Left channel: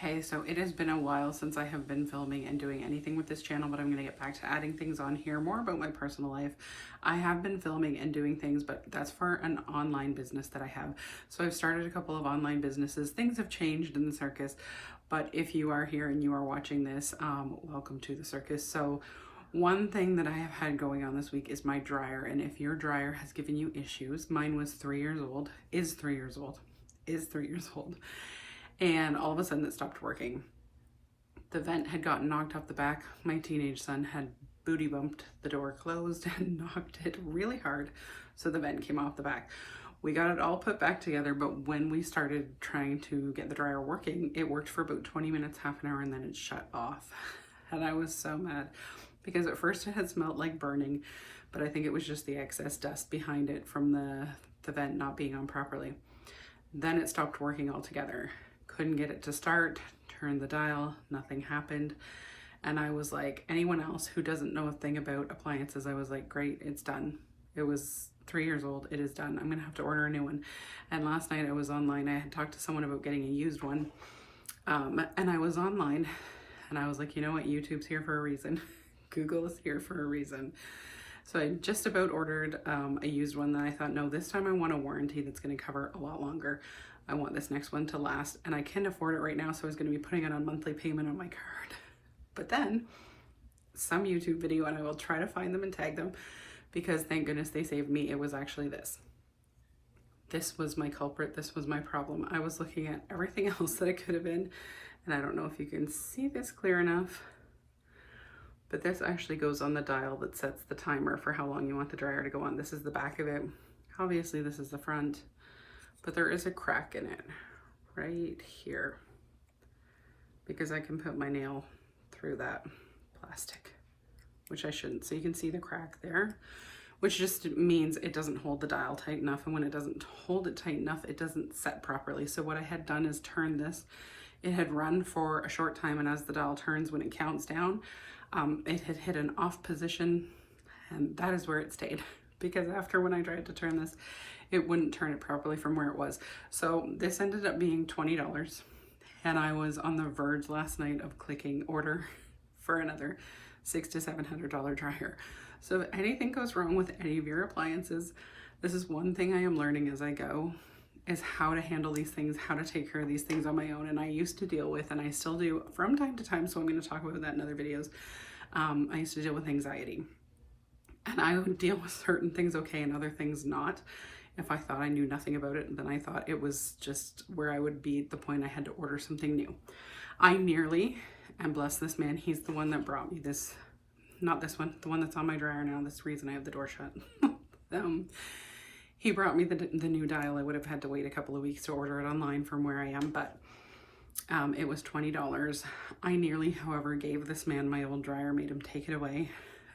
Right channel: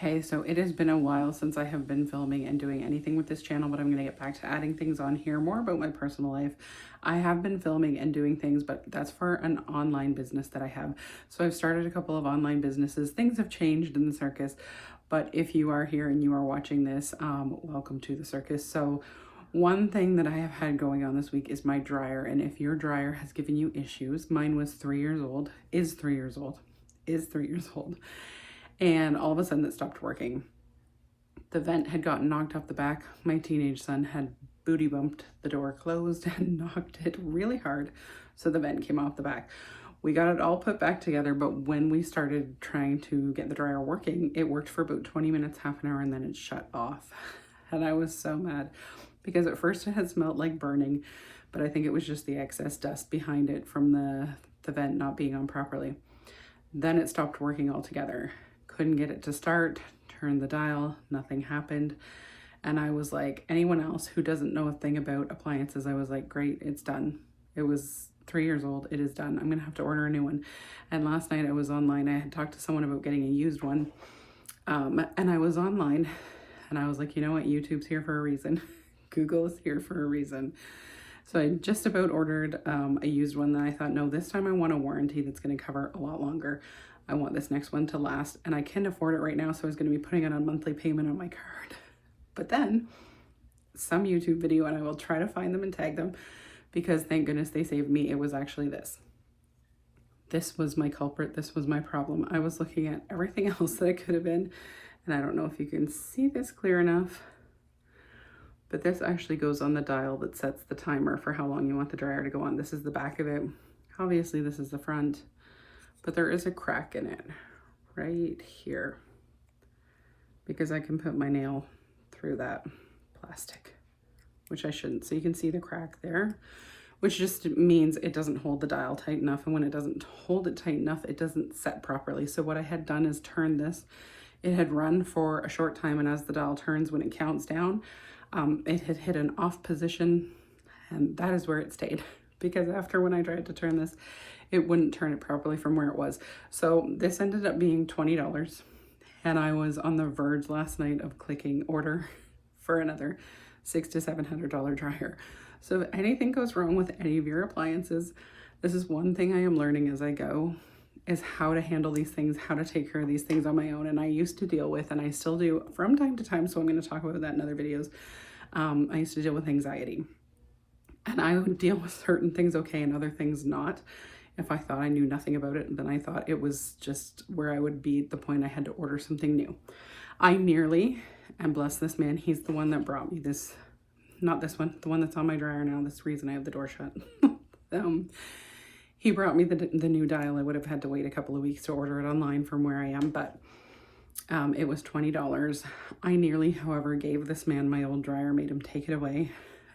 Hey, so it has been a while since I have been filming and doing anything with this channel, but I'm going to get back to adding things on here, more about my personal life. I have been filming and doing things, but that's for an online business that I have. So I've started a couple of online businesses. Things have changed in the circus, but if you are here and you are watching this, welcome to the circus. So one thing that I have had going on this week is my dryer, and if your dryer has given you issues, mine was 3 years old, is 3 years old, is 3 years old. And all of a sudden it stopped working. The vent had gotten knocked off the back. My teenage son had booty bumped the door closed and knocked it really hard, so the vent came off the back. We got it all put back together, but when we started trying to get the dryer working, it worked for about 20 minutes, half an hour, and then it shut off. And I was so mad because at first it had smelled like burning, but I think it was just the excess dust behind it from the vent not being on properly. Then it stopped working altogether. Couldn't get it to start, turned the dial, nothing happened. And I was like, anyone else who doesn't know a thing about appliances, I was like, great, it's done. It was 3 years old, it is done. I'm gonna have to order a new one. And last night I was online, I had talked to someone about getting a used one. And I was online and I was like, you know what, YouTube's here for a reason. Google is here for a reason. So I just about ordered a used one that I thought, no, this time I want a warranty that's gonna cover a lot longer. I want this next one to last, and I can afford it right now, so I was going to be putting it on monthly payment on my card. But then some YouTube video, and I will try to find them and tag them, because thank goodness they saved me. It was actually this. This was my culprit. This was my problem. I was looking at everything else that it could have been, and I don't know if you can see this clear enough, but this actually goes on the dial that sets the timer for how long you want the dryer to go on. This is the back of it. Obviously, this is the front. But there is a crack in it right here because I can put my nail through that plastic, which I shouldn't. So you can see the crack there, which just means it doesn't hold the dial tight enough. And when it doesn't hold it tight enough, it doesn't set properly. So what I had done is turn this. It had run for a short time, and as the dial turns, when it counts down, it had hit an off position, and that is where it stayed. Because after when I tried to turn this, it wouldn't turn it properly from where it was. So this ended up being $20, and I was on the verge last night of clicking order for another $600 to $700 dryer. So if anything goes wrong with any of your appliances, this is one thing I am learning as I go, is how to handle these things, how to take care of these things on my own. And I used to deal with, and I still do from time to time, so I'm going to talk about that in other videos. I used to deal with anxiety. And I would deal with certain things okay and other things not. If I thought I knew nothing about it, then I thought it was just where I would be at the point I had to order something new. I nearly, and bless this man, he's the one that brought me this, not this one, the one that's on my dryer now, this reason I have the door shut. He brought me the new dial. I would have had to wait a couple of weeks to order it online from where I am, but it was $20. I nearly, however, gave this man my old dryer, made him take it away,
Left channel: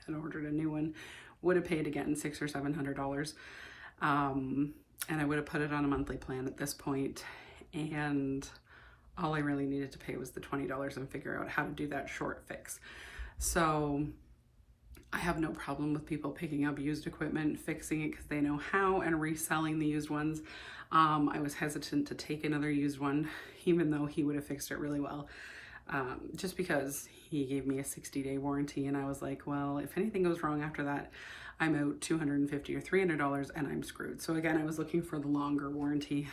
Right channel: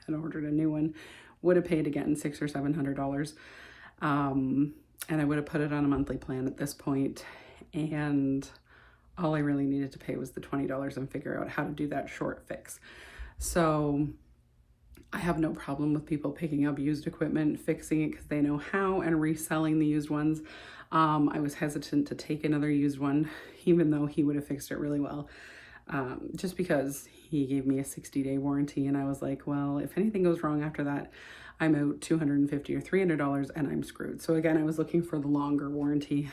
and ordered a new one. Would have paid again $600 or $700, and I would have put it on a monthly plan at this point, and all I really needed to pay was the $20 and figure out how to do that short fix. So I have no problem with people picking up used equipment, fixing it because they know how, and reselling the used ones. I was hesitant to take another used one, even though he would have fixed it really well. Just because he gave me a 60-day warranty, and I was like, well, if anything goes wrong after that, I'm out $250 or $300 and I'm screwed. So again, I was looking for the longer warranty.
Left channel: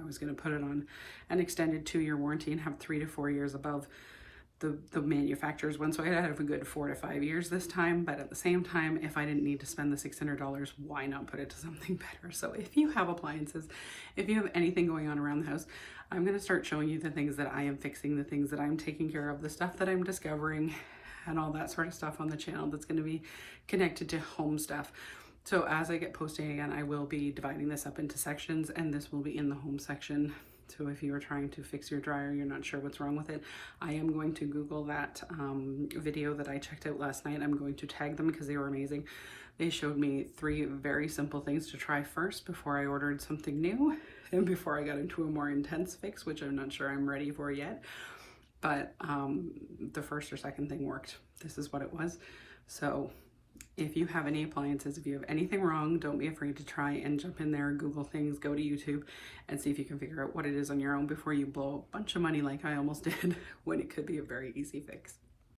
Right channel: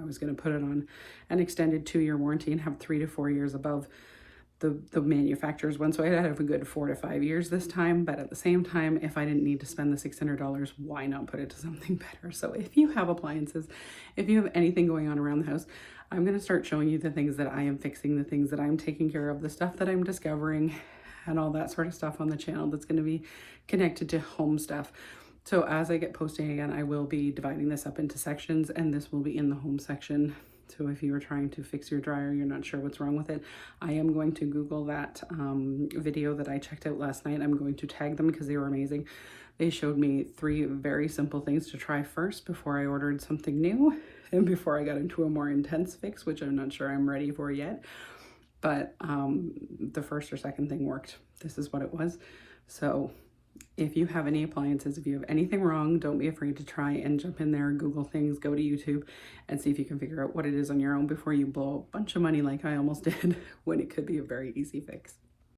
I was going to put it on an extended 2-year warranty and have 3 to 4 years above the manufacturer's one. So I'd have a good 4 to 5 years this time. But at the same time, if I didn't need to spend the $600, why not put it to something better? So if you have appliances, if you have anything going on around the house, I'm going to start showing you the things that I am fixing, the things that I'm taking care of, the stuff that I'm discovering, and all that sort of stuff on the channel that's going to be connected to home stuff. So as I get posting again, I will be dividing this up into sections, and this will be in the home section. So if you are trying to fix your dryer, you're not sure what's wrong with it, I am going to Google that video that I checked out last night. I'm going to tag them because they were amazing. They showed me 3 very simple things to try first before I ordered something new and before I got into a more intense fix, which I'm not sure I'm ready for yet. But the first or second thing worked. This is what it was. So If you have any appliances, if you have anything wrong, don't be afraid to try and jump in there, Google things, go to YouTube and see if you can figure out what it is on your own before you blow a bunch of money like I almost did when it could be a very easy fix.